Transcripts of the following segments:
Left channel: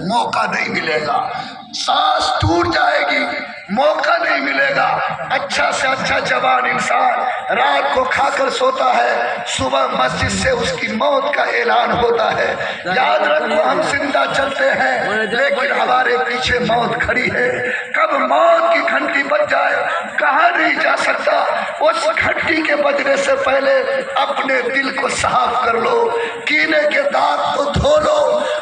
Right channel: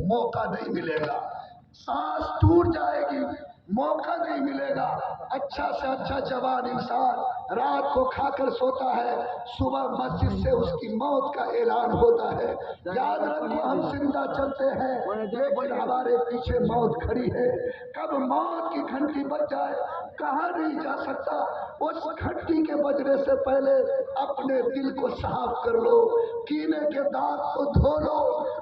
موقع نہیں ملے گا، سانس ٹوٹ جائے گی، موقع نہیں ملے گا۔ اچھا سے اچھا جوان انسان رات کو کھا کر سوتا ہے، صبح مسجد سے اس کی موت کا اعلان ہوتا ہے۔ یاد رکھو ہم زندہ چلتے ہیں لیکن ہمارے پیچھے موت کھڑی ہے۔ کب موت کی گھنٹی بج جائے کہا نہیں جا سکتا۔ اس گھنٹی کے بجنے سے پہلے اپنے دل کو صاف کر لو، کینے کے داغ کو دھو لو،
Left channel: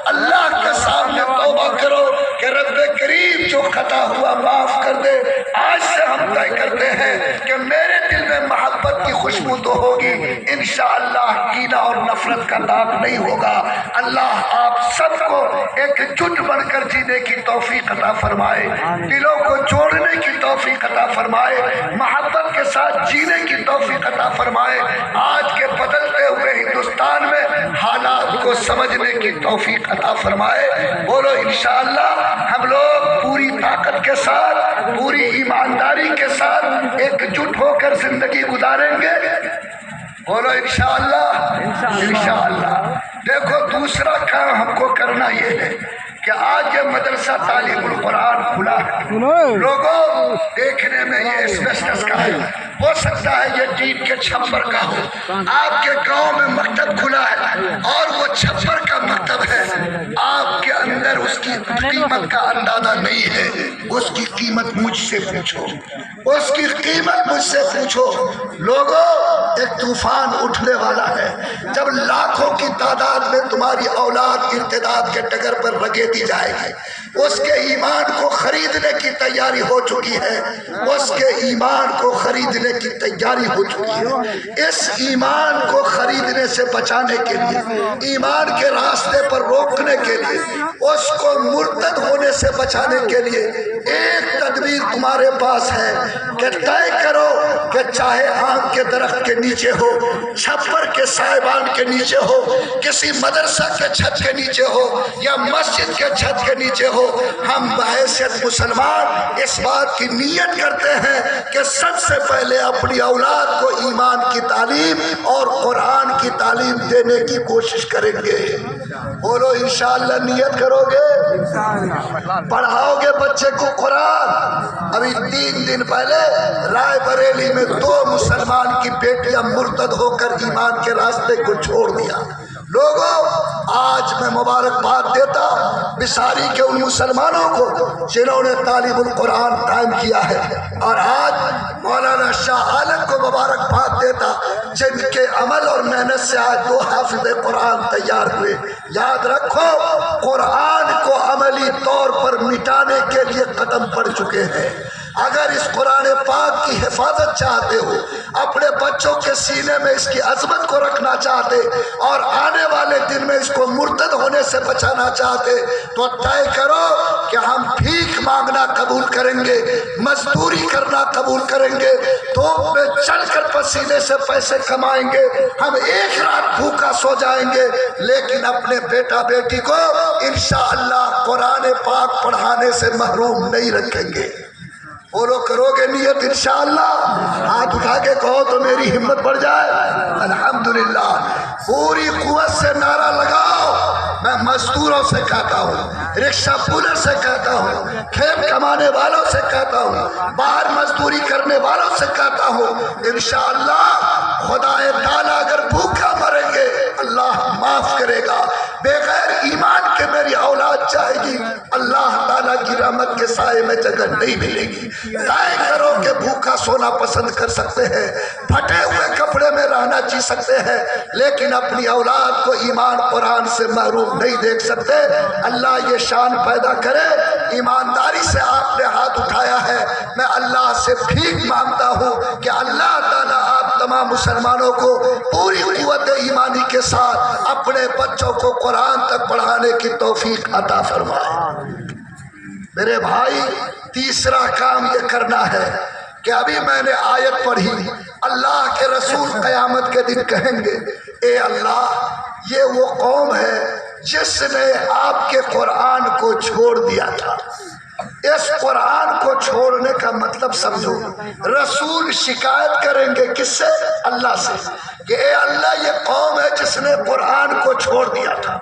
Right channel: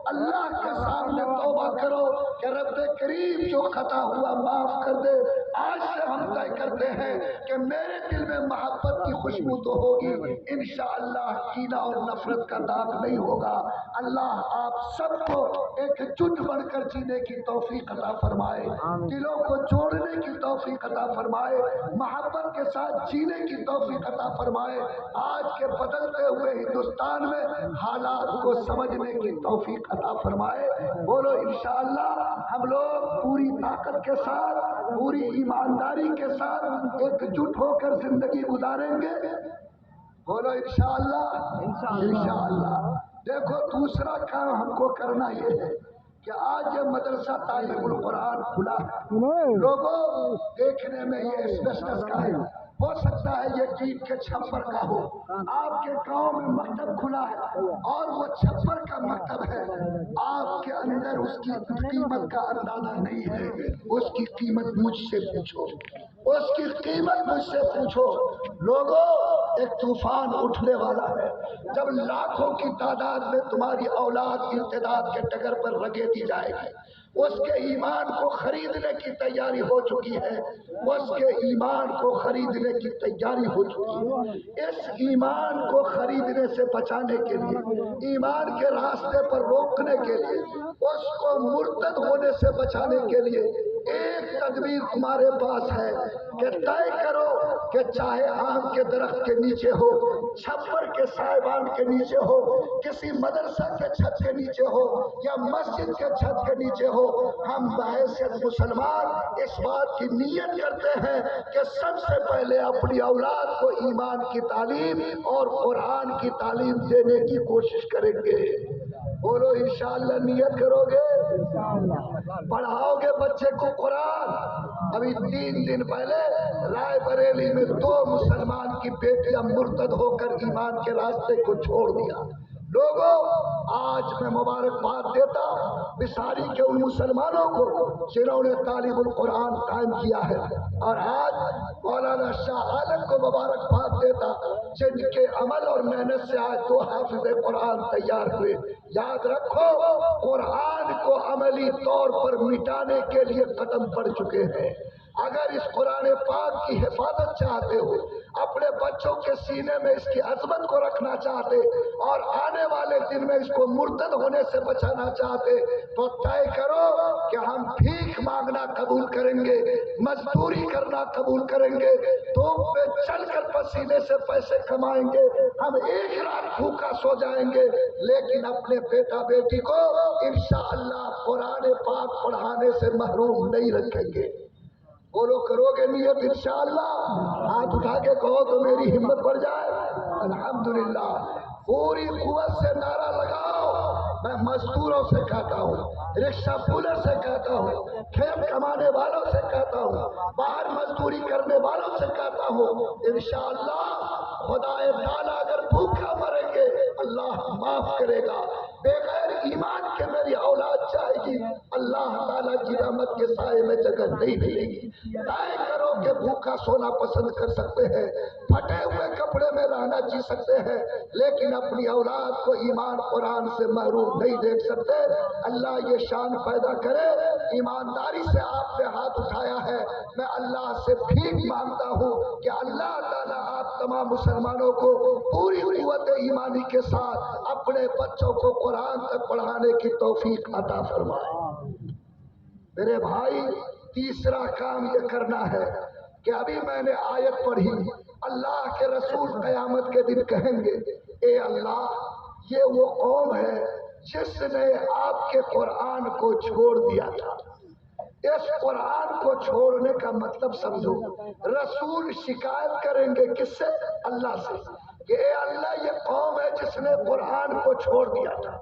اللہ کے سامنے توبہ کرو کہ رب کریم جو خطا ہوا معاف کر دے۔ آج سے ہم طے کرتے ہیں کہ میرے دل میں محبت کی خوشبو تو ہوگی، انشاءاللہ کینہ اور نفرت کا داغ نہیں ہوگا۔ اللہ آپ سب کو ایک جٹ بن کر جینے کی توفیق عطا فرمائے، دلوں کو جوڑنے کی توفیق عطا فرمائے، محبت کے ساتھ جینے کی توفیق عطا فرمائے۔ آج کے بدلتے ہوئے ہندوستان میں حالات کو سمجھنے کی توفیق عطا فرمائے۔ بولو انشاءاللہ ہم لوگ پوری طاقت کے ساتھ، پوری ایمانداری کے ساتھ ایک جٹ ہو کر زندگی گزاریں گے۔ بولو انشاءاللہ انشاءاللہ۔ دیکھو دوسرا کام ہم کو کرنا یہ ہے کہ آج یہ مدرسہ تعلیم القرآن کھلا ہے، لوگوں دیکھنے میں یہ اسبیسٹس کا ہے، ہو سکتا ہے یہ ٹین کے چھپر کا ہو۔ آپ کے گاؤں میں مکتب کھلا ہے اور وہ چھپر کا مکتب ہے، آپ کے اندر اس کی قیمت کا اندازہ نہیں ہے۔ اس کی قیمت مجھ سے پوچھو، اس کی قیمت مجھ سے پوچھو۔ لوگوں ایک طوفان اٹھنے والا ہے، جب لاکھوں کی تعداد میں تمہاری اولاد ارتداد کے ڈگر پر رگے دی جائے گی۔ اس کے ایمان کو خریدنے کی تیاری ہو چکی ہے، اس کے ایمان کو خریدنے کی تیاری ہو چکی ہے۔ اس ایمان کو خریدنے سے بچانے کے لیے، ایمان کے راستے پر روکنے کے لیے، اس کو مرتد ہونے سے بچانے کے لیے ایک تدبیر تمہارے پاس ہے کہ طے کرو کہ چاہے آم کے درخت کے نیچے ہو، چھپر کے سائبان کے نیچے ہو، کسی مدرسہ کے چھت کے نیچے ہو یا مسجد کے چھت کے نیچے ہو، ہم بحیثیت مسلمان اس بات کی نیت کرتے ہیں کہ سب سے پہلے اپنی اولاد کو ایمان کی تعلیم اور قرآن کی تعلیم دینے کی کوشش کریں گے۔ بولو انشاءاللہ نیت کرو گے، پڑھاؤ گے بچے کو قرآن۔ ابھی 3 دن پہلے رائے بریلی میں 2 مسلمان کی بیٹیاں مرتد ہو کر ایمان کے راستے کو چھوڑ دیا۔ لوگوں آج میں مبارکباد دیتا بساری کے ان مسلمانوں کو جنہوں نے تعلیم القرآن قائم کیا ہے، اور آج مولانا شاہ عالم کو مبارکباد دیتا جن کے عمل اور محنت سے آج 2 حافظ قرآن تیار ہوئے۔ یاد رکھو قرآن کو عملی طور پر مٹانے کے لیے قدم بڑھ چکے ہیں۔ اگر اس قرآن پاک کی حفاظت چاہتے ہو، اپنے بچوں کے سینے میں اس کی عظمت کو رکھنا چاہتے اور آنے والے دن میں اس کو مرتد ہونے سے بچانا چاہتے، تو طے کرو کہ ہم بھیک مانگنا قبول کریں گے، مزدوری کرنا قبول کریں گے، دھوپ میں چل کر پسینے سے پیسے کمائیں گے، ہم ایک رات بھوکا سو جائیں گے، لیکن اپنے بیٹا بیٹی کو انشاءاللہ قرآن پاک پڑھانے سے محروم نہیں رکھیں گے۔ بولو کرو گے نیت انشاءاللہ؟ ہاتھ اٹھا کے کہو تو میری ہمت بڑھ جائے۔ الحمدللہ پوری قوت سے نعرہ لگاؤ۔ میں مزدوروں سے کہتا ہوں، رکشہ پولر سے کہتا ہوں، کھیت کمانے والوں سے کہتا ہوں، باہر مزدوری کرنے والوں سے کہتا ہوں، انشاءاللہ خدا تعالیٰ اگر بھوکا مریں گے اللہ معاف کرے گا۔ بغیر ایمان کے میری اولاد چاہے گی، اللہ تعالیٰ کی رحمت کے سائے میں جگہ نہیں ملے گی۔ طے کرو کہ بھوکا سونا پسند کر سکتے ہیں، پھٹے ہوئے کپڑے میں رہنا جی سکتے ہیں، لیکن اپنی اولاد کو ایمان قرآن سے محروم نہیں دیکھ سکتے۔ اللہ یہ شان پیدا کرے۔ ایمانداری سے آپ نے ہاتھ اٹھایا ہے، میں اللہ سے بھیک مانگتا ہوں کہ اللہ تعالیٰ آپ تمام مسلمانوں کو پوری قوت ایمانی کے ساتھ اپنے بچوں کو قرآن تک پڑھانے کی توفیق عطا فرمائے۔ میرے بھائی تیسرا کام یہ کرنا ہے کہ ابھی میں نے آیت پڑھی، اللہ کے رسول قیامت کے دن کہیں گے اے اللہ یہ وہ قوم ہے جس نے آپ کے قرآن کو چھوڑ دیا تھا۔ اس قرآن کو چھوڑنے کا مطلب سمجھو، رسول شکایت کریں گے کس سے؟ اللہ سے، کہ اے اللہ یہ قوم ہے جس نے قرآن کو چھوڑ دیا تھا۔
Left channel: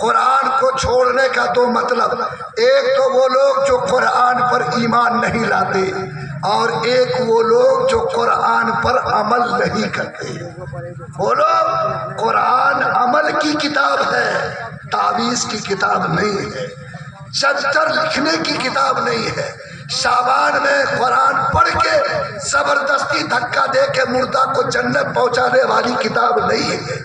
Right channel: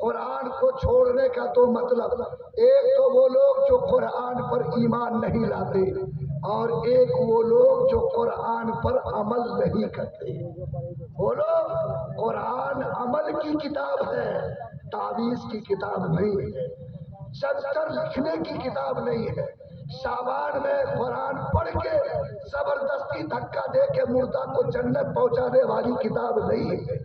قرآن کو چھوڑنے کا دو مطلب، ایک تو وہ لوگ جو قرآن پر ایمان نہیں لاتے، اور ایک وہ لوگ جو قرآن پر عمل نہیں کرتے۔ بولو، قرآن عمل کی کتاب ہے، تعویذ کی کتاب نہیں ہے، چدر لکھنے کی کتاب نہیں ہے، شعبان میں قرآن پڑھ کے زبردستی دھکا دے کے مردہ کو جنت پہنچانے والی کتاب نہیں ہے،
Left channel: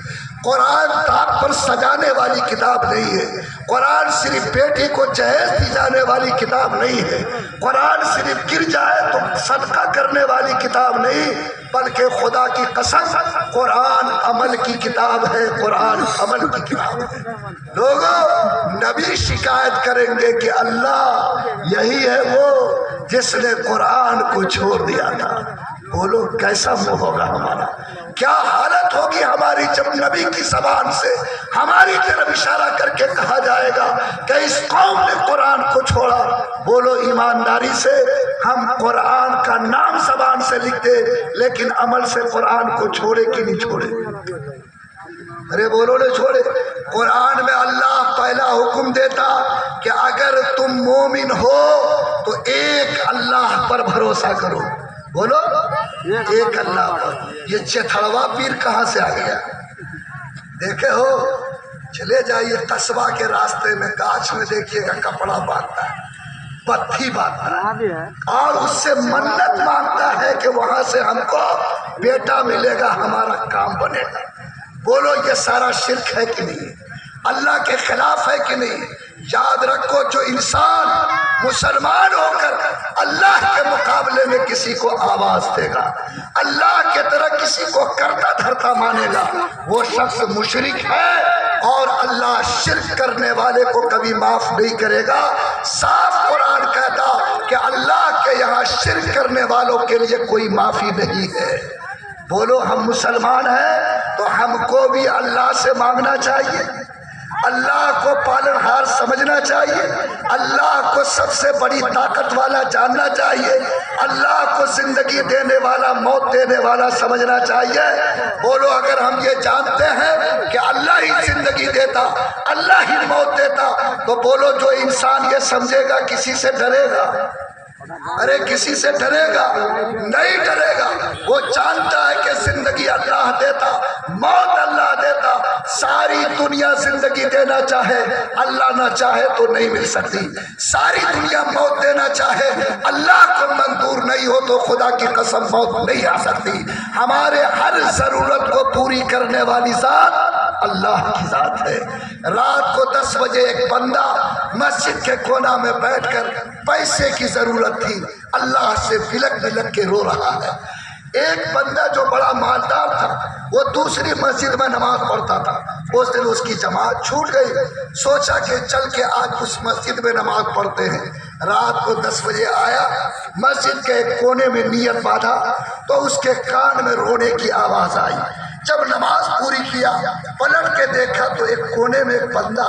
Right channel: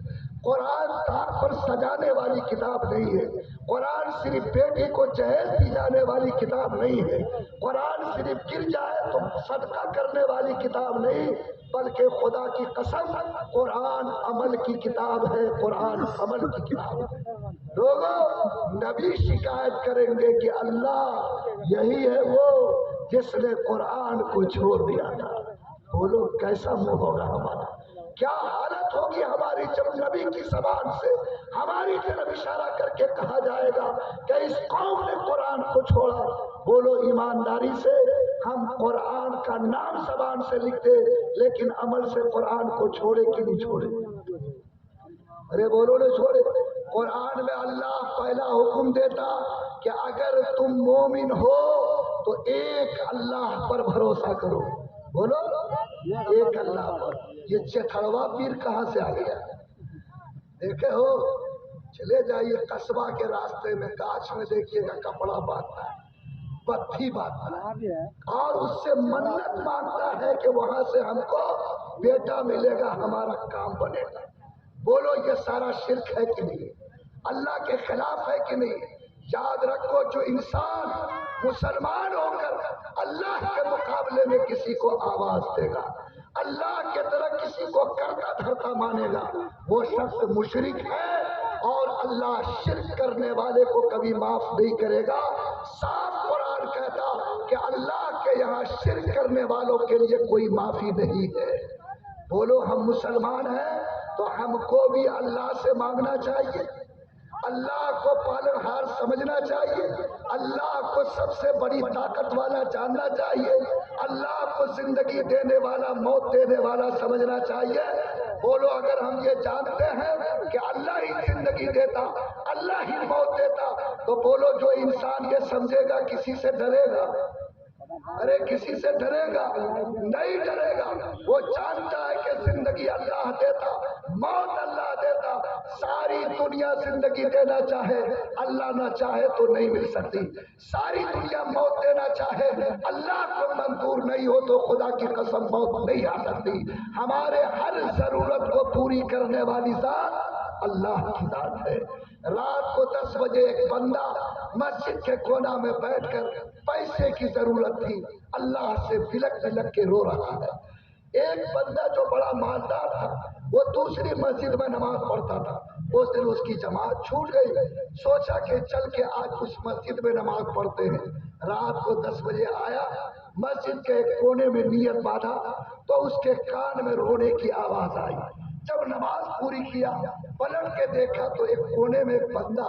قرآن داغ پر سجانے والی کتاب نہیں ہے، قرآن صرف بیٹی کو جہیز دی جانے والی کتاب نہیں ہے، قرآن صرف گر جائے تو صدقہ کرنے والی کتاب نہیں، بلکہ خدا کی قسم قرآن عمل کی کتاب ہے، قرآن عمل کی کتاب ہے۔ لوگوں، نبی شکایت کریں گے کہ اللہ یہی ہے وہ جس نے قرآن کو چھوڑ دیا تھا۔ بولو کیسا منہ ہوگا ہمارا، کیا حالت ہوگی ہماری جب نبی کی زبان سے ہماری طرف اشارہ کر کے کہا جائے گا کہ اس قوم نے قرآن کو چھوڑا۔ بولو ایمانداری سے، ہم قرآن کا نام زبان سے لکھتے لیکن عمل سے قرآن کو چھوڑے کہ نہیں چھوڑے؟ ارے بولو نہ چھوڑے۔ قرآن میں اللہ پہلا حکم دیتا کہ اگر تم مومن ہو تو ایک اللہ پر بھروسہ کرو۔ بولو ایک اللہ پر۔ یہ چتھڑوا پیر کہاں سے آ گیا؟ دیکھے ہو، چلے جائیے قصبہ کے راستے میں گاچھ میں دیکھیے گا کپڑا باندھتا ہے، پتھی باندھتا ہے، اور اس سے منت مانگتا ہے کہ وہاں سے ہم کو بیٹا ملے گا، ہمارا کام بنے گا۔ بولو یہ سارا شرک ہے کہ نہیں؟ اللہ کے خلاف ہے کہ نہیں؟ یاد رکھو، جو انسان مسلمان ہو کر اللہ کے مقابلے میں کسی کو آواز دے گا، اللہ کے طرح کسی کو کرتا دھرتا مانے گا، وہ شخص مشرک ہے، اور اللہ شرک کرنے والے کو کبھی معاف نہیں کرے گا۔ صاف قرآن کہتا کہ اللہ کے یہاں شرک کرنے والوں کے لیے کوئی معافی نہیں ہے۔ بولو ہم مسلمان ہیں تو ہم کو بھی اللہ سے مانگنا چاہیے، اللہ کو پالنہار سمجھنا چاہیے، اللہ کو سب سے بڑی طاقت والا جاننا چاہیے، اللہ کو زندگی دینے والا موت دینے والا سمجھنا چاہیے۔ بولو اگر ہم یہ جانتے ہیں کہ اللہ ہی زندگی دیتا، اللہ ہی موت دیتا، تو بولو جو انسان یہ سمجھے گا کسی سے ڈرے گا؟ ارے کسی سے ڈرے گا؟ نہیں ڈرے گا۔ وہ جانتا ہے کہ زندگی اللہ دیتا، موت اللہ دیتا، ساری دنیا زندگی دینا چاہے، اللہ نہ چاہے تو نہیں مل سکتی، ساری دنیا موت دینا چاہے، اللہ کو منظور نہیں ہو تو خدا کی قسم موت نہیں آ سکتی۔ ہمارے ہر ضرورت کو پوری کرنے والی ذات اللہ کی ذات ہے۔ رات کو 10 بجے ایک بندہ مسجد کے کونا میں بیٹھ کر پیسے کی ضرورت تھی، اللہ سے بلک بلک کے رو رہا ہے۔ ایک بندہ جو بڑا مالدار تھا، وہ دوسری مسجد میں نماز پڑھتا تھا، اس دن اس کی جماعت چھوٹ گئی، سوچا کہ چل کے آج اس مسجد میں نماز پڑھتے ہیں۔ رات کو 10 بجے آیا، مسجد کے ایک کونے میں نیت باندھا تو اس کے کان میں رونے کی آواز آئی۔ جب نماز پوری کیا، پلٹ کے دیکھا تو ایک کونے میں ایک بندہ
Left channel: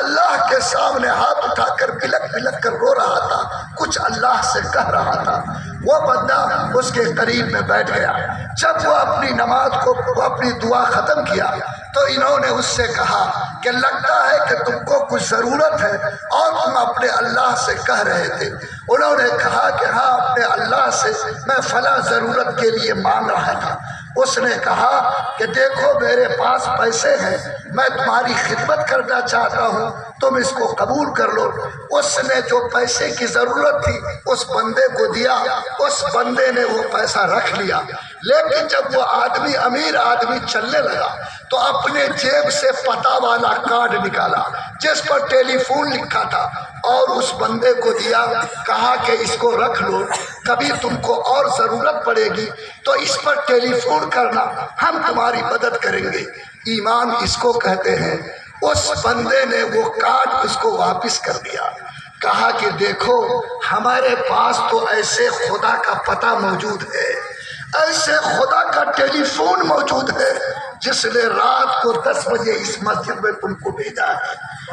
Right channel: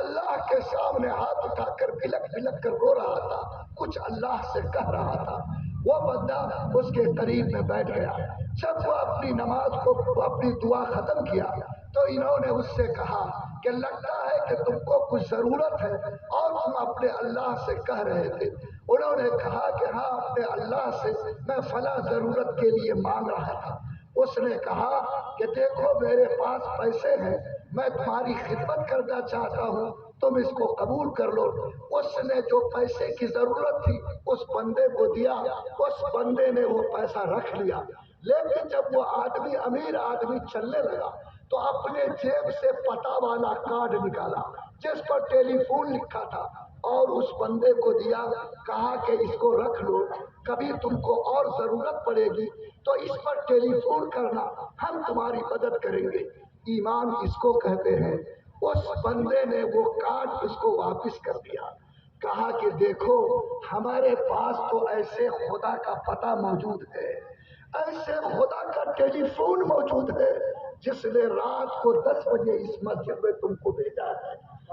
اللہ کے سامنے ہاتھ اٹھا کر بلک بلک کر رو رہا تھا، کچھ اللہ سے کہہ رہا تھا۔ وہ بندہ اس کے قریب میں بیٹھ گیا۔ جب وہ اپنی نماز کو اپنی دعا ختم کیا تو انہوں نے اس سے کہا کہ لگتا ہے کہ تم کو کچھ ضرورت ہے اور تم اپنے اللہ سے کہہ رہے تھے۔ انہوں نے کہا کہ ہاں، اپنے اللہ سے میں فلاں ضرورت کے لیے مانگ رہا تھا۔ اس نے کہا کہ دیکھو میرے پاس پیسے ہیں، میں تمہاری خدمت کرنا چاہتا ہوں، تم اس کو قبول کر لو۔ اس نے جو پیسے کی ضرورت تھی اس بندے کو دیا، اس بندے نے وہ پیسہ رکھ لیا۔ لیکن جب وہ آدمی امیر آدمی چلنے لگا تو اپنے جیب سے پتہ والا کارڈ نکالا جس پر ٹیلی فون لکھا تھا اور اس بندے کو دیا، کہا کہ اس کو رکھ لو، کبھی تم کو اور ضرورت پڑے گی تو اس پر ٹیلی فون کرنا، ہم تمہاری مدد کریں گے۔ ایمان اس کو کہتے ہیں۔ اس بندے نے وہ کارڈ اس کو واپس کر دیا، کہا کہ دیکھو ہمارے پاس تو ایسے خدا کا پتہ موجود ہے، ایسے خدا کا ٹیلی فون موجود ہے جس نے رات کو 10 بجے اس مسجد میں تم کو بھیجا ہے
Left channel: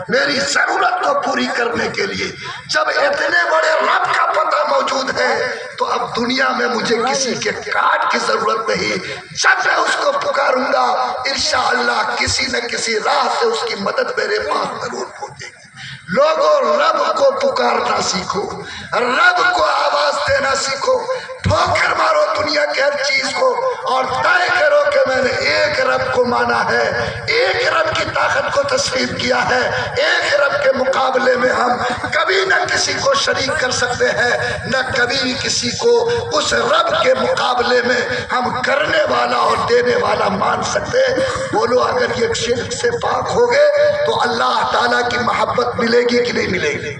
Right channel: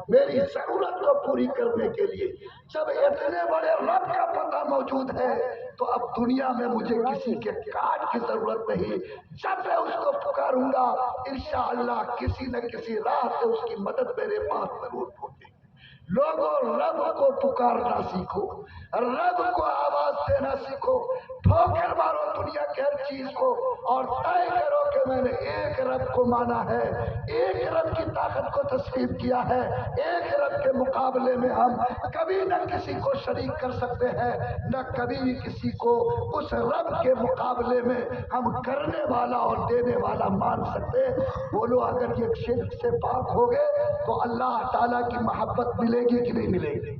میری ضرورت کو پوری کرنے کے لیے. جب اتنے بڑے رب کا پتہ موجود ہے تو اب دنیا میں مجھے کسی کے کارڈ کی ضرورت نہیں. جب میں اس کو پکاروں گا انشاءاللہ کسی نہ کسی راہ سے اس کی مدد میرے پاس ضرور پہنچے گی. لوگوں رب کو پکارنا سیکھو, رب کو آواز دینا سیکھو. ٹھوکر مارو دنیا کی ہر چیز کو اور طے کرو کہ میں نے ایک رب کو مانا ہے, ایک رب کی طاقت کو تسلیم کیا ہے. ایک رب کے مقابلے میں ہم کبھی نہ کسی کو شریک کر سکتے ہیں, نہ کبھی بھی کسی کو اس رب کے مقابلے میں ہم کرنے والا اور دینے والا مان سکتے. بولو اگر یہ شرک سے پاک ہو گئے تو اللہ تعالیٰ کی محبت ملے گی کہ نہیں ملے گی؟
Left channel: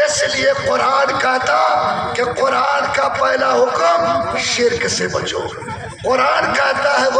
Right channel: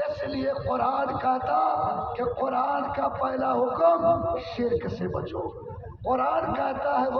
اس لیے قرآن کہتا کہ قرآن کا پہلا حکم شرک سے بچو. قرآن کہتا ہے وہ